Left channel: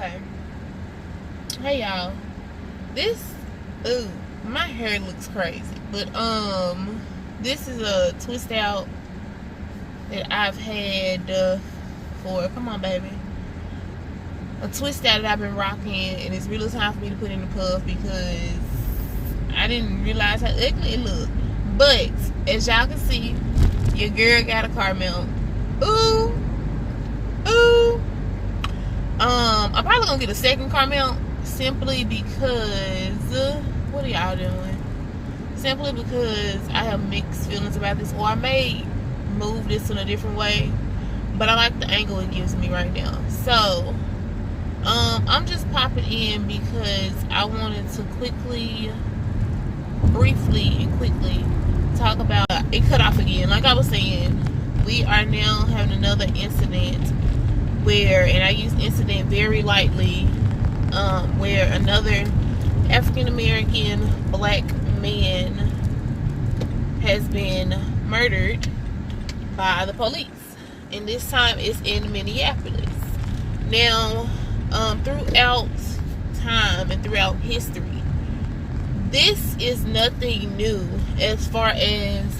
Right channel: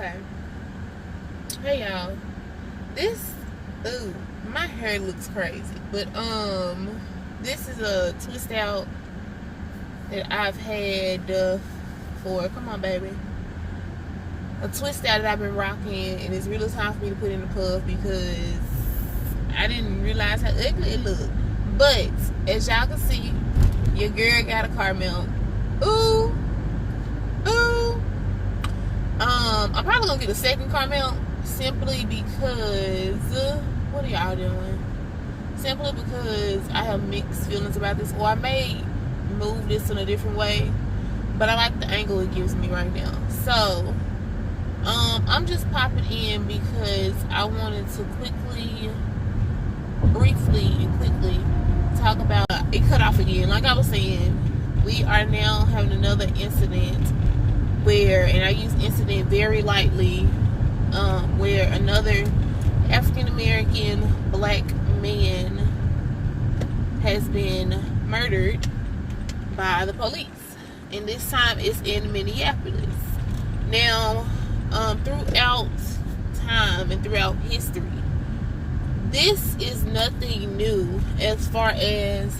Okay. Hey y'all. This ooh, my hair looks crazy. But this is a twist out that I've had for come on baby. A twist out that I've been rocking, and it's really time for me to put in the puff because I didn't realize how ugly it looked. But as y'all can see, your girl got a car mount. Ooh. Ooh. I'm probably gonna get a second car mount simply because what are y'all doing? Simply because I have mixed feelings about this, or I may move this in a different way, but I like the angle it gives me right now. So I'm just popping in because I wanted to briefly and quickly talk about it. Cut off again. Like I was saying, we are now having another incident where, and I use incident very lightly, where another African American black man has been murdered by the police, and this time it's in Minneapolis. Now, throughout time and throughout history, this is nothing new as far as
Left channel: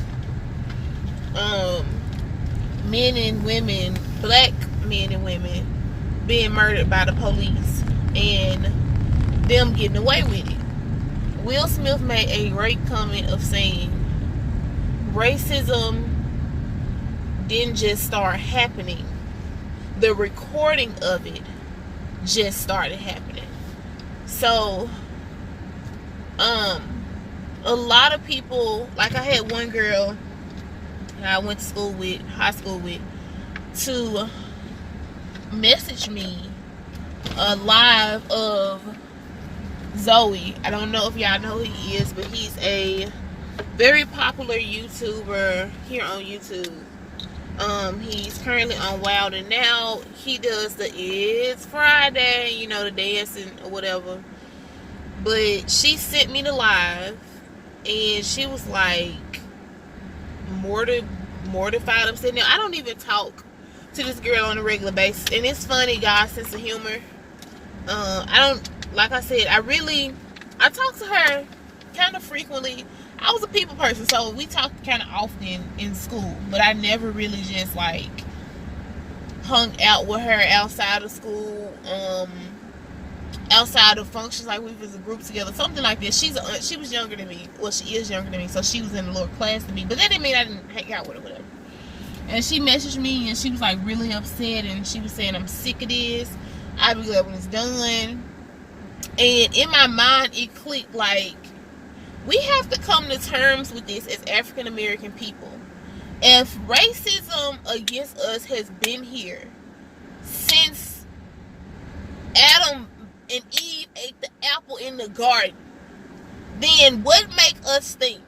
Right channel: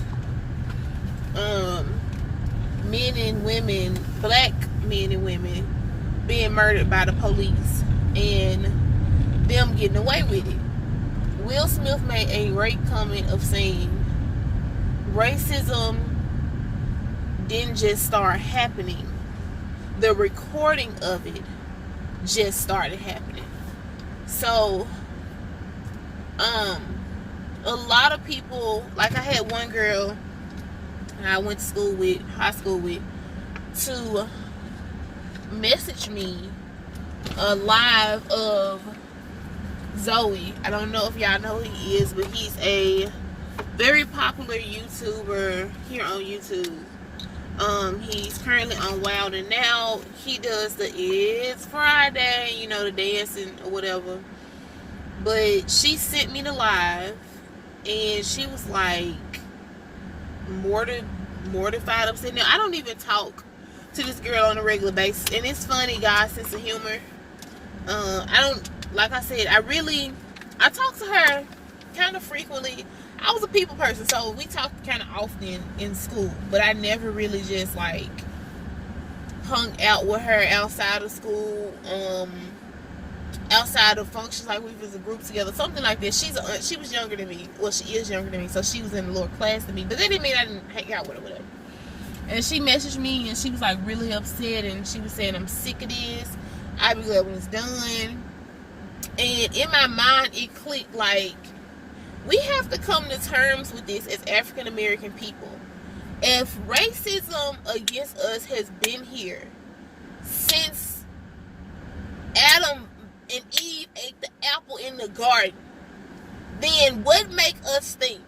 men and women, black men and women, being murdered by the police and them getting away with it. Will Smith made a great comment of saying racism didn't just start happening, the recording of it just started happening. So a lot of people, like I had one girl I went to school with, high school with, to message me a live of Zoe. I don't know if y'all know who he is, but he's a very popular YouTuber here on YouTube. He's currently on Wild and Now. He does the It's Friday, you know, the dancing or whatever. But she sent me the live, and she was like mortified. I'm sitting there. I don't even talk to this girl on a regular basis, and it's funny, guys, sense of humor. I don't, like I said, I talk to her kind of frequently. I was a people person, so we talked kind of often in school, but I never really just like hung out with her outside of school, outside of functions, like we was a group together, something like that. She was younger than me. Well, she is younger than me, so she was in a lower class than me, but that didn't mean I didn't hang out with her, whatever. And she messaged me, and she was like really upset, and she was saying, I'm sick of this, I'll be glad when it's done. And in my mind, it clicked, like, we have to come to terms with this as African American people. If racism against us has been here since Adam and Eve ate the apple in the garden, then what make us think?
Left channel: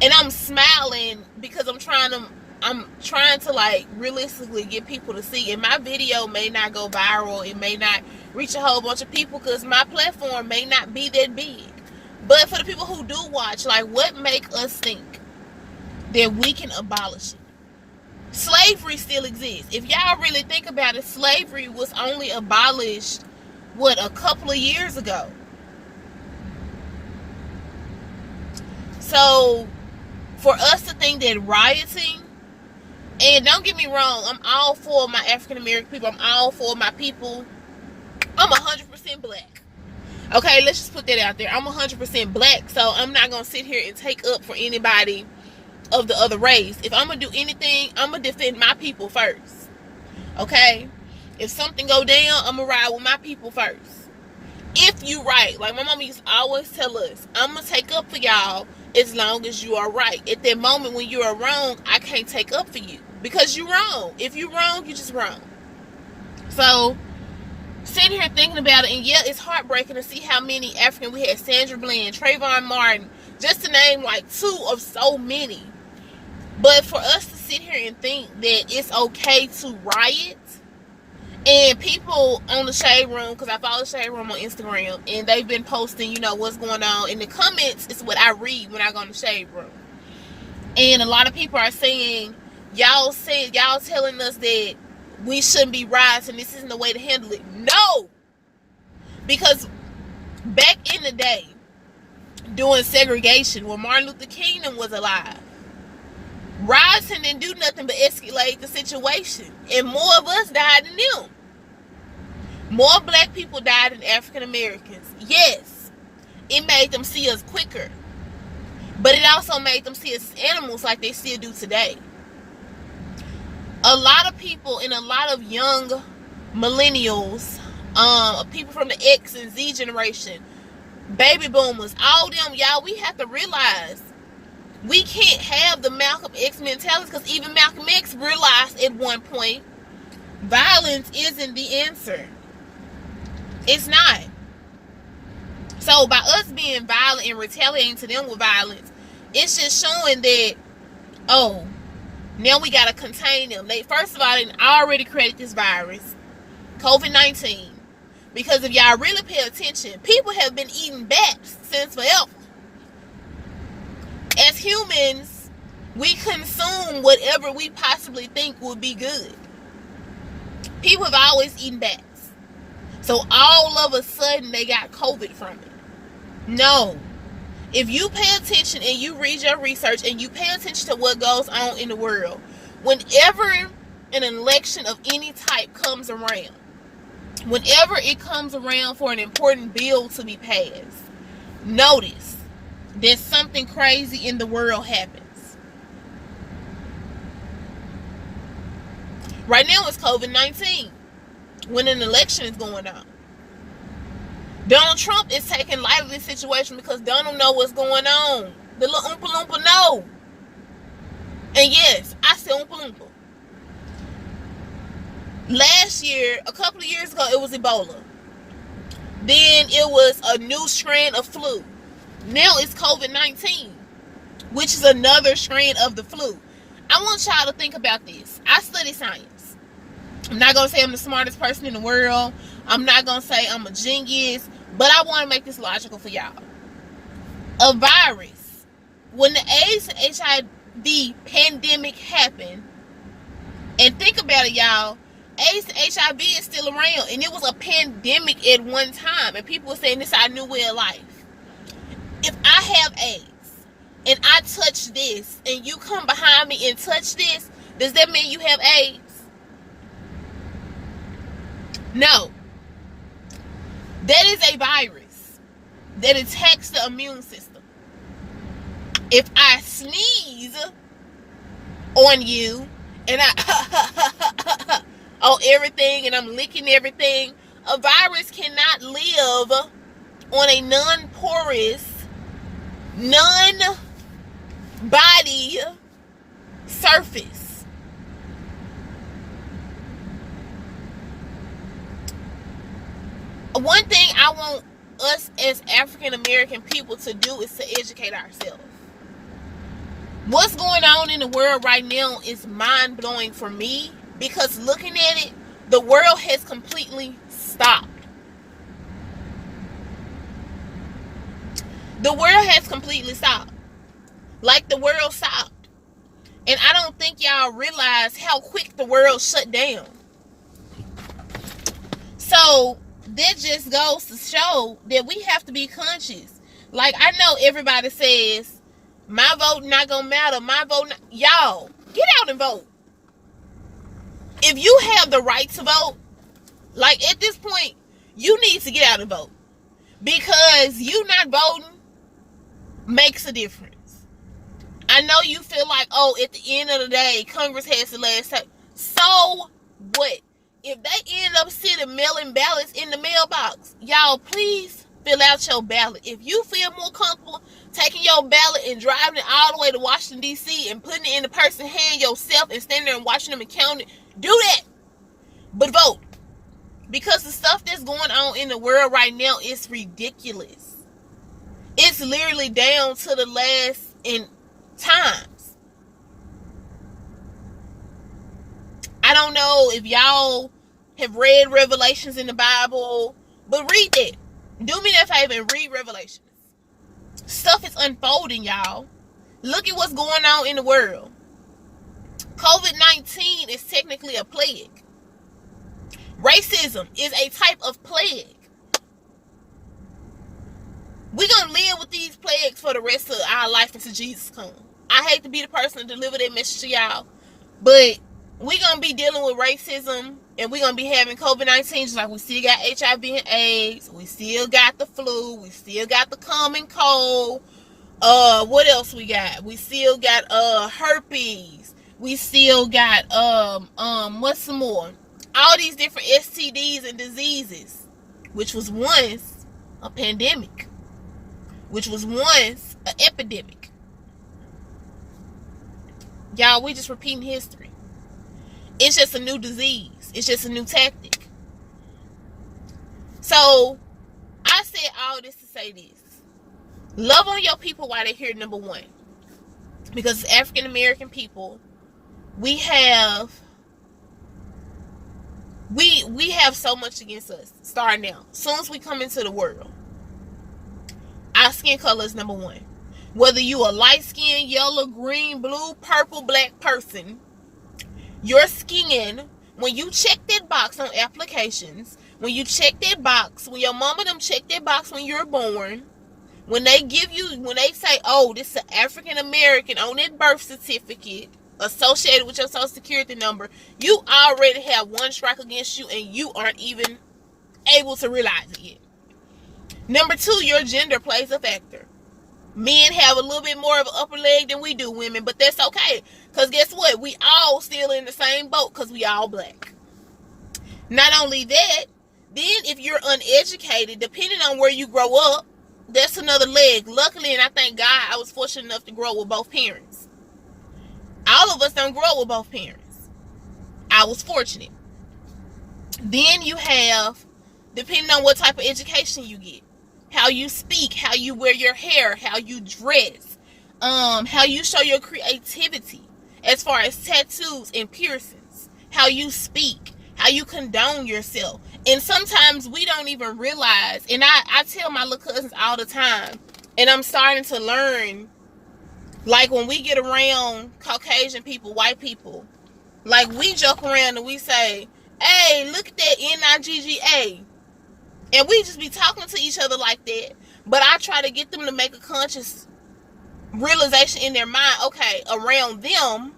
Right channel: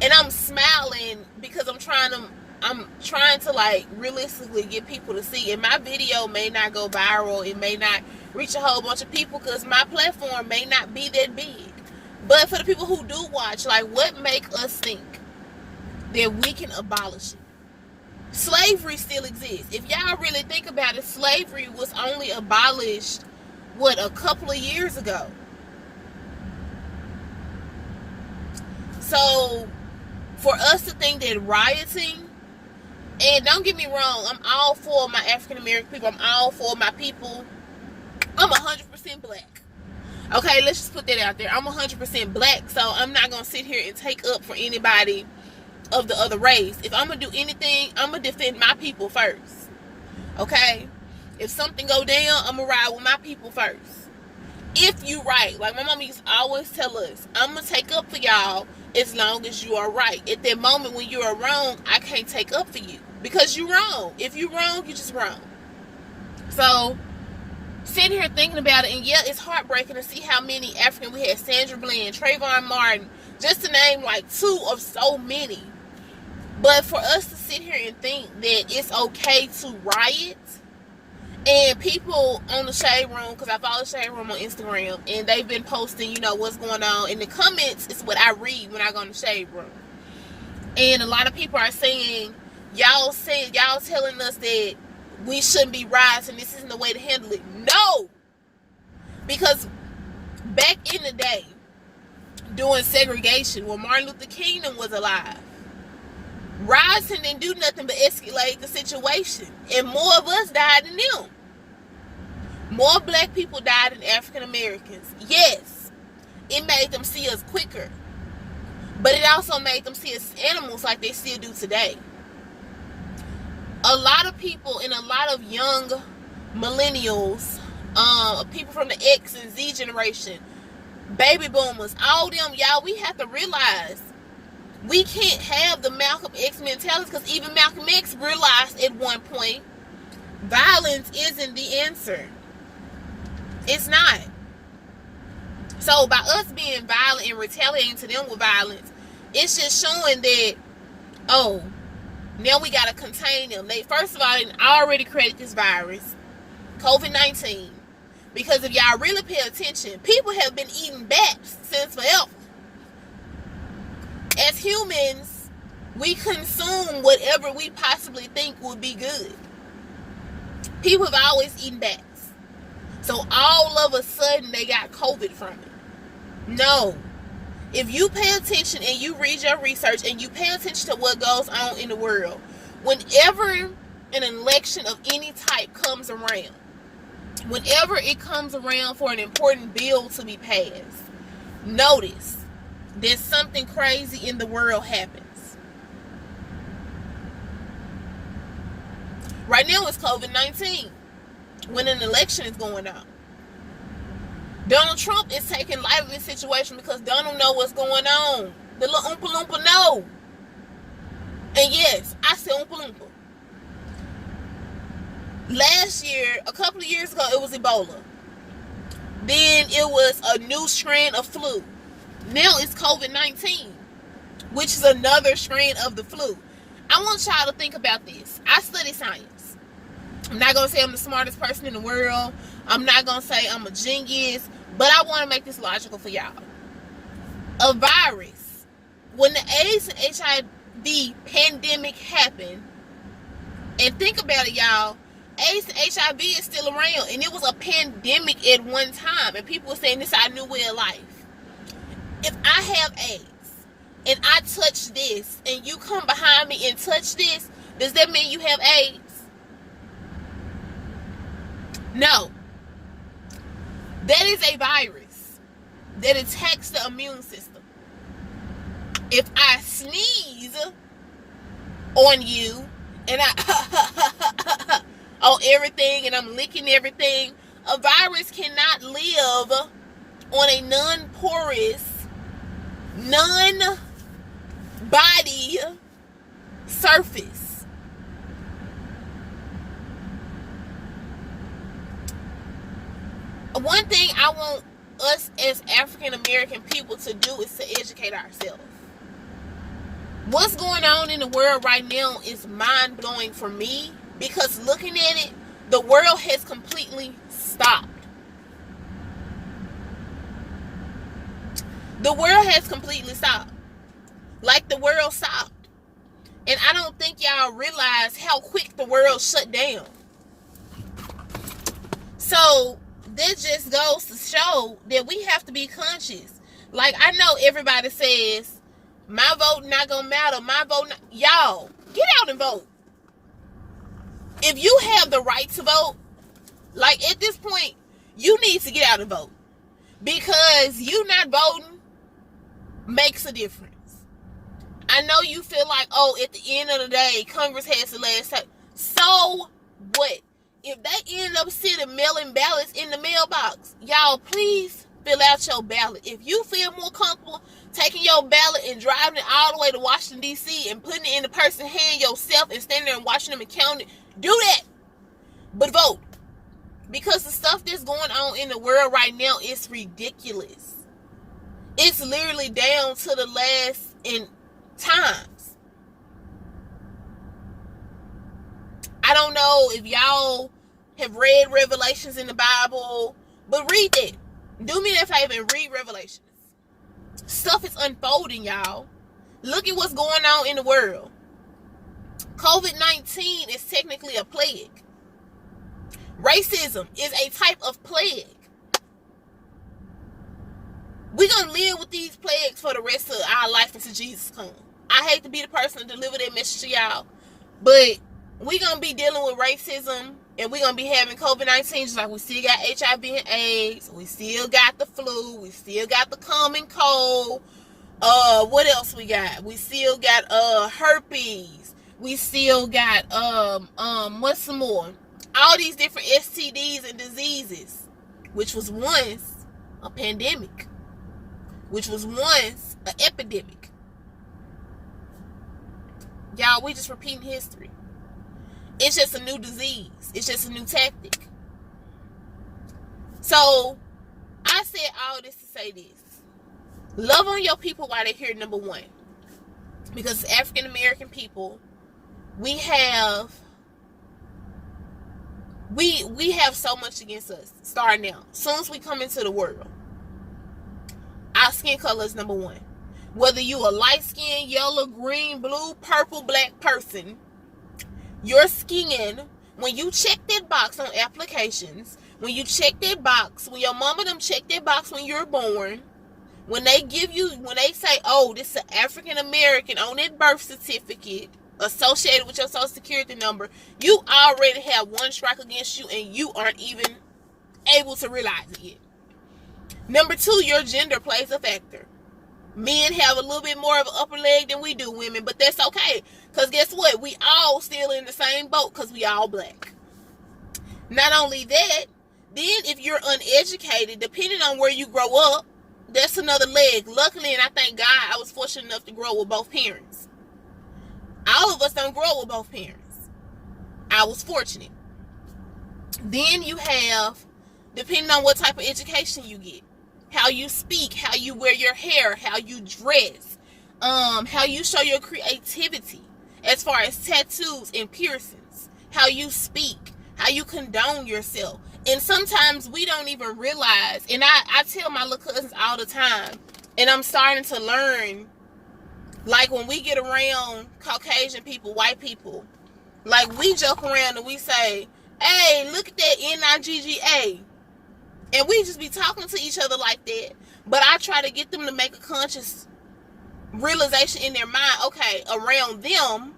And I'm smiling because I'm trying to like realistically get people to see. And my video may not go viral, it may not reach a whole bunch of people because my platform may not be that big. But for the people who do watch, like, what make us think that we can abolish it? Slavery still exists. If y'all really think about it, slavery was only abolished, what, a couple of years ago. So for us to think that rioting, and don't get me wrong, I'm all for my African American people, I'm all for my people, I'm 100% black. Okay, let's just put that out there. I'm 100% black, so I'm not going to sit here and take up for anybody of the other race. If I'm going to do anything, I'm going to defend my people first. Okay? If something go down, I'm going to ride with my people first. If you right, like my mama used to always tell us, I'm going to take up for y'all as long as you are right. At that moment when you are wrong, I can't take up for you because you're wrong. If you're wrong, you're just wrong. So sitting here thinking about it, and yeah, it's heartbreaking to see how many African, we had Sandra Bland, Trayvon Martin, just to name like two of so many. But for us to sit here and think that it's okay to riot, and people on the Shade Room, because I follow Shade Room on Instagram, and they've been posting, you know, what's going on in the comments. It's what I read when I go in the Shade Room. And a lot of people are saying, y'all telling us that we shouldn't be rioting, this isn't the way to handle it. No! Because back in the day, during segregation, when Martin Luther King was alive, rioting didn't do nothing but escalate the situation. And more of us died than them. More black people died than African Americans. Yes, it made them see us quicker. But it also made them see us as animals like they still do today. A lot of people and a lot of young millennials, people from the X and Z generation, baby boomers, all them, y'all, we have to realize we can't have the Malcolm X mentality, because even Malcolm X realized at one point violence isn't the answer. It's not. So by us being violent and retaliating to them with violence, it's just showing that, oh, now we got to contain them. First of all, they already created this virus, COVID-19. Because if y'all really pay attention, people have been eating bats since forever. As humans, we consume whatever we possibly think would be good. People have always eaten bats. So all of a sudden, they got COVID from it. No. If you pay attention and you read your research and you pay attention to what goes on in the world, whenever an election of any type comes around, whenever it comes around for an important bill to be passed, notice that something crazy in the world happens. Right now it's COVID-19 when an election is going on. Donald Trump is taking light of this situation because Donald know what's going on. The little Oompa Loompa know. And yes, I said Oompa Loompa. Last year, a couple of years ago, it was Ebola. Then it was a new strain of flu. Now it's COVID-19, which is another strain of the flu. I want y'all to think about this. I study science. I'm not going to say I'm the smartest person in the world. I'm not going to say I'm a genius. But I want to make this logical for y'all. A virus. When the AIDS and HIV pandemic happened, and think about it, y'all, AIDS and HIV is still around, and it was a pandemic at one time, and people were saying this is our new way of life. If I have AIDS, and I touch this, and you come behind me and touch this, does that mean you have AIDS? No. That is a virus that attacks the immune system. If I sneeze on you, and I on everything, and I'm licking everything, a virus cannot live on a non-porous, non-body surface. One thing I want us as African American people to do is to educate ourselves. What's going on in the world right now is mind-blowing for me, because looking at it, the world has completely stopped. The world has completely stopped. Like the world stopped. And I don't think y'all realize how quick the world shut down. So that just goes to show that we have to be conscious. Like, I know everybody says, my vote not gonna matter, my vote not. Y'all, get out and vote. If you have the right to vote, like at this point, you need to get out and vote. Because you not voting makes a difference. I know you feel like, oh, at the end of the day, Congress has the last say. So what? If they end up sitting mailing ballots in the mailbox, y'all, please fill out your ballot. If you feel more comfortable taking your ballot and driving it all the way to Washington, D.C. and putting it in the person's hand yourself and standing there and watching them and counting it, do that. But vote. Because the stuff that's going on in the world right now is ridiculous. It's literally down to the last in times. I don't know if y'all have read Revelations in the Bible, but read that. Do me that favor and read Revelations. Stuff is unfolding, y'all. Look at what's going on in the world. COVID-19 is technically a plague. Racism is a type of plague. We're going to live with these plagues for the rest of our life until Jesus comes. I hate to be the person to deliver that message to y'all, but we're going to be dealing with racism, and we're going to be having COVID-19, just like we still got HIV and AIDS, we still got the flu, we still got the common cold. What else we got? We still got herpes. We still got what's some more? All these different STDs and diseases, which was once a pandemic, which was once an epidemic. Y'all, we just repeating history. It's just a new disease. It's just a new tactic. So, I said all this to say this. Love on your people while they're here, number one. Because as African American people, we have so much against us. Starting now. As soon as we come into the world, our skin color is number one. Whether you a light-skinned, yellow, green, blue, purple, black person, your skin, when you check that box on applications, when you check that box, when your mama them check that box when you're born, when they say, oh, this is an African American on that birth certificate associated with your social security number, you already have one strike against you and you aren't even able to realize it yet. Number two, your gender plays a factor. Men have a little bit more of an upper leg than we do, women, but that's okay. Because guess what? We all still in the same boat because we all black. Not only that, then if you're uneducated, depending on where you grow up, that's another leg. Luckily, and I thank God, I was fortunate enough to grow with both parents. All of us don't grow with both parents. I was fortunate. Then you have, depending on what type of education you get, how you speak, how you wear your hair, how you dress, how you show your creativity as far as tattoos and piercings, how you speak, how you condone yourself. And sometimes we don't even realize, and I tell my little cousins all the time, and I'm starting to learn, like when we get around Caucasian people, white people, like we joke around and we say, hey, look at that NIGGA. And we just be talking to each other like that. But I try to get them to make a conscious realization in their mind, okay, around them,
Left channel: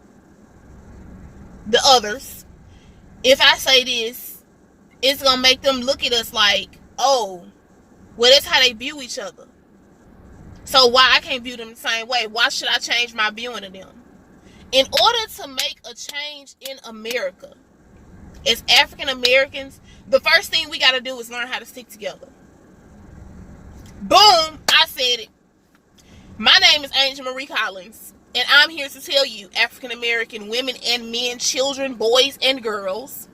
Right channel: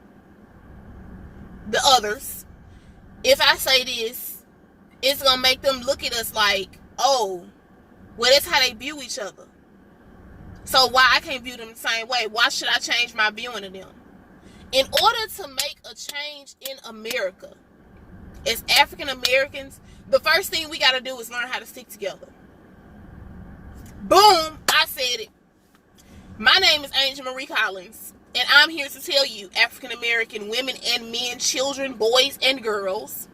the others, if I say this, it's going to make them look at us like, oh, well, that's how they view each other. So why I can't view them the same way? Why should I change my viewing of them? In order to make a change in America, as African Americans, the first thing we got to do is learn how to stick together. Boom, I said it. My name is Angel Marie Collins, and I'm here to tell you, African American women and men, children, boys and girls,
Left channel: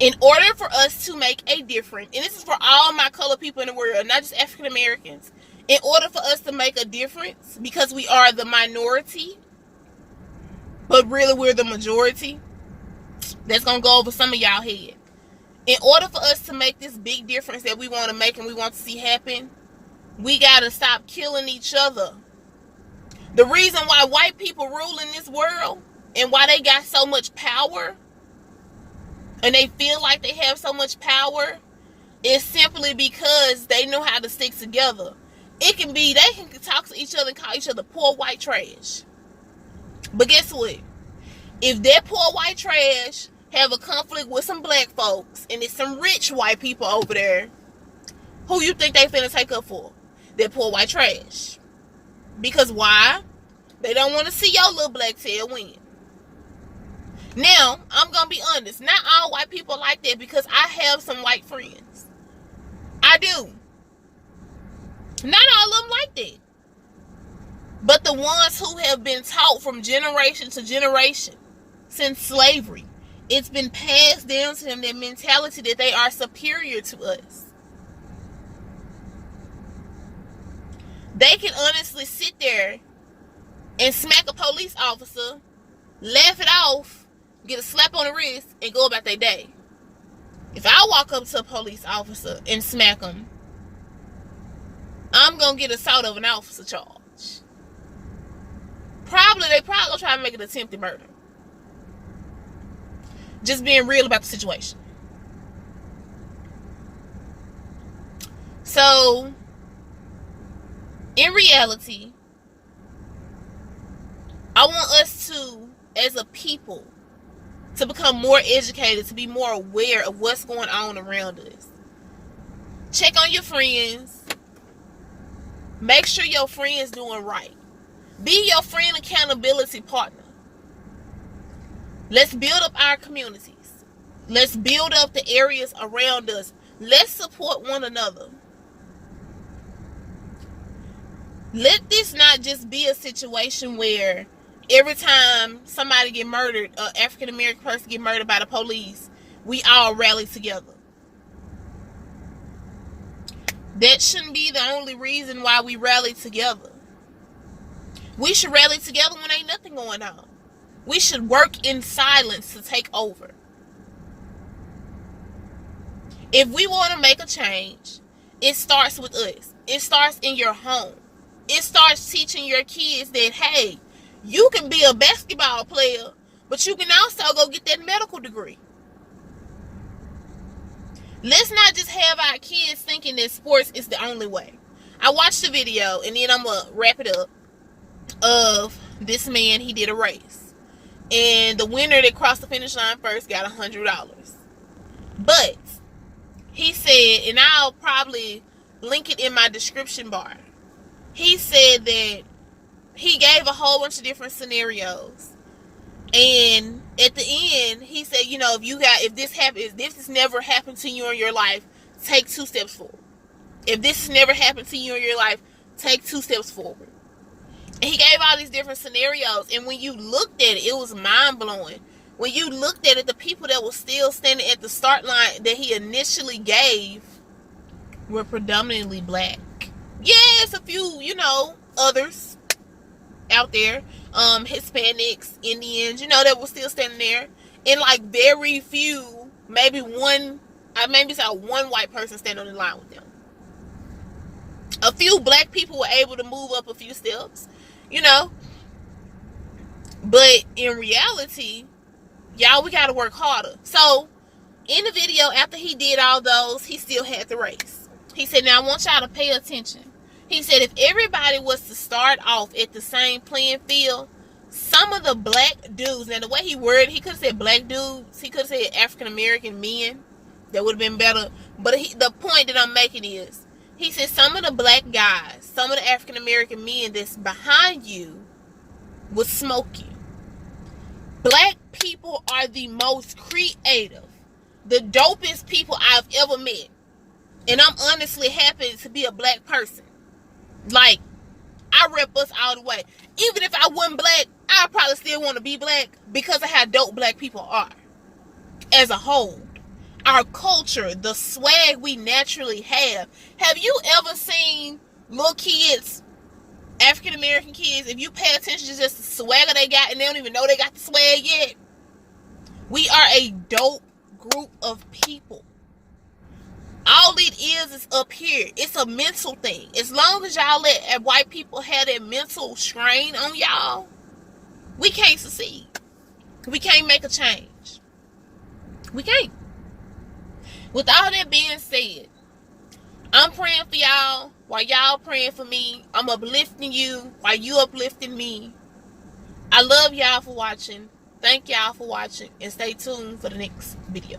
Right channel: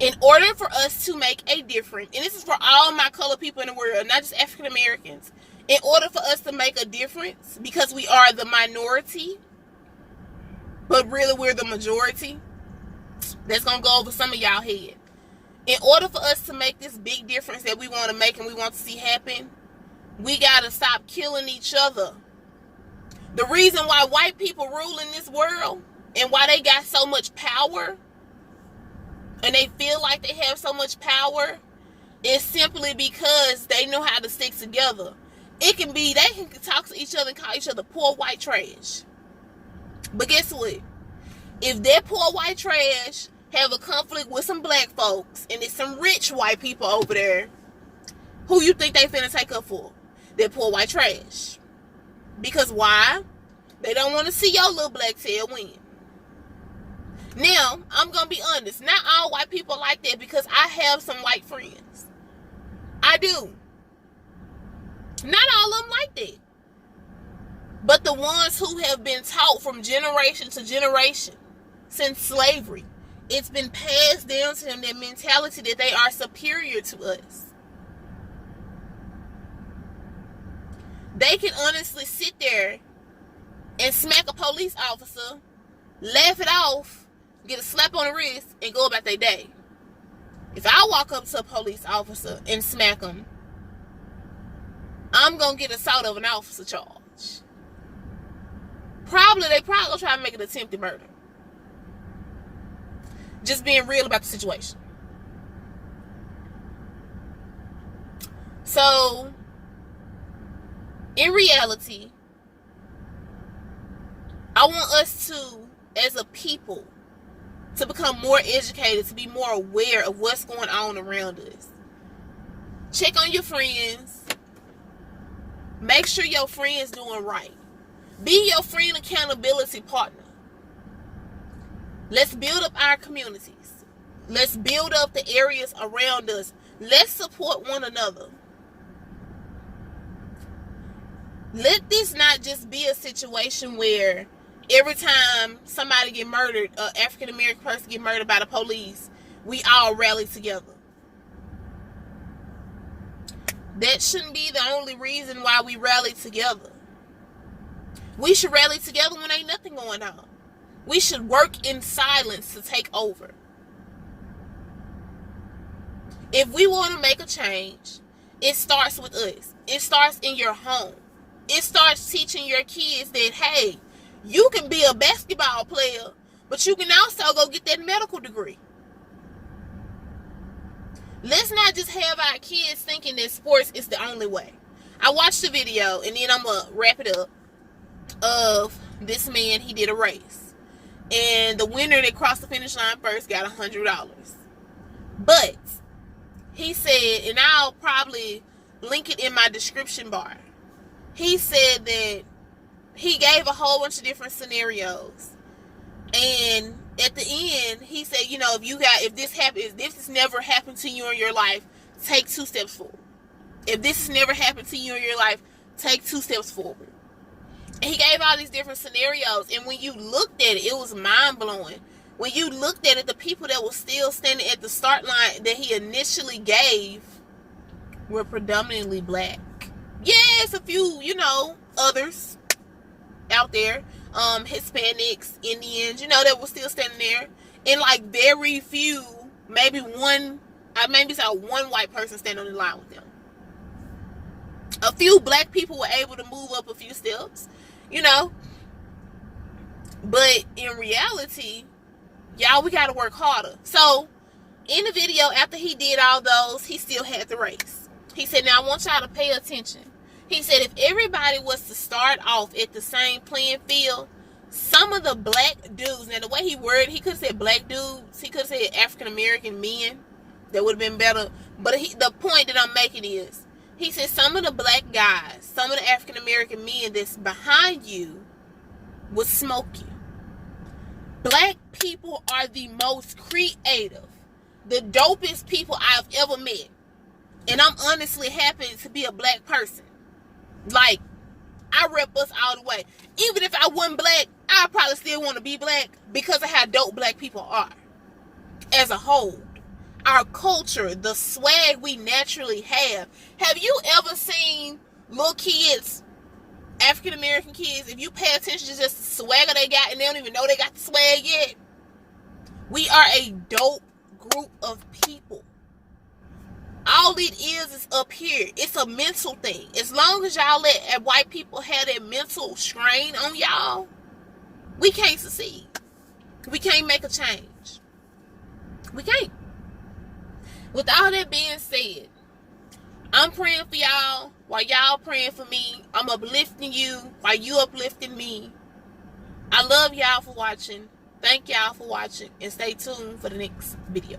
in order for us to make a difference, and this is for all my colored people in the world, not just African Americans, in order for us to make a difference, because we are the minority, but really we're the majority, that's going to go over some of y'all head. In order for us to make this big difference that we want to make and we want to see happen, we got to stop killing each other. The reason why white people rule in this world and why they got so much power and they feel like they have so much power is simply because they know how to stick together. It can be, they can talk to each other and call each other poor white trash. But guess what? If that poor white trash have a conflict with some black folks and it's some rich white people over there, who you think they finna take up for? That poor white trash. Because why? They don't want to see your little black tail win. Now, I'm gonna be honest, not all white people like that, because I have some white friends. I do. Not all of them like that. But the ones who have been taught from generation to generation since slavery, it's been passed down to them, their mentality that they are superior to us. They can honestly sit there and smack a police officer, laugh it off, get a slap on the wrist, and go about their day. If I walk up to a police officer and smack them, I'm going to get assault of an officer charge. They probably going to try to make an attempted murder. Just being real about the situation. So, in reality, I want us to, as a people, to become more educated, to be more aware of what's going on around us. Check on your friends. Make sure your friend's doing right. Be your friend accountability partner. Let's build up our communities. Let's build up the areas around us. Let's support one another. Let this not just be a situation where every time somebody get murdered, an African American person get murdered by the police, we all rally together. That shouldn't be the only reason why we rally together. We should rally together when ain't nothing going on. We should work in silence to take over. If we want to make a change, it starts with us. It starts in your home. It starts teaching your kids that, hey, you can be a basketball player, but you can also go get that medical degree. Let's not just have our kids thinking that sports is the only way. I watched a video, and then I'm going to wrap it up, of this man. He did a race. And the winner that crossed the finish line first got $100. But he said, and I'll probably link it in my description bar. He said that he gave a whole bunch of different scenarios. And at the end, he said, you know, if this has never happened to you in your life, take 2 steps forward. If this has never happened to you in your life, take 2 steps forward. And he gave all these different scenarios. And when you looked at it, it was mind-blowing. When you looked at it, the people that were still standing at the start line that he initially gave were predominantly black. Yes, a few, others out there. Hispanics, Indians, that were still standing there. And like very few, maybe one white person standing on the line with them. A few black people were able to move up a few steps, But in reality, y'all, we got to work harder. So, in the video, after he did all those, he still had the race. He said, now I want y'all to pay attention. He said, if everybody was to start off at the same playing field, some of the black dudes, now the way he worded, he could have said black dudes, he could have said African-American men. That would have been better. But the point that I'm making is, he said some of the black guys, some of the African-American men that's behind you would smoke you. Black people are the most creative, the dopest people I've ever met. And I'm honestly happy to be a black person. Like, I rep us all the way. Even if I wasn't black, I probably still want to be black because of how dope black people are. As a whole. Our culture, the swag we naturally have. Have you ever seen little kids, African American kids, if you pay attention to just the swagger they got and they don't even know they got the swag yet? We are a dope group of people. All it is up here. It's a mental thing. As long as y'all let white people have that mental strain on y'all, we can't succeed. We can't make a change. We can't. With all that being said, I'm praying for y'all while y'all praying for me. I'm uplifting you while you uplifting me. I love y'all for watching. Thank y'all for watching. And stay tuned for the next video.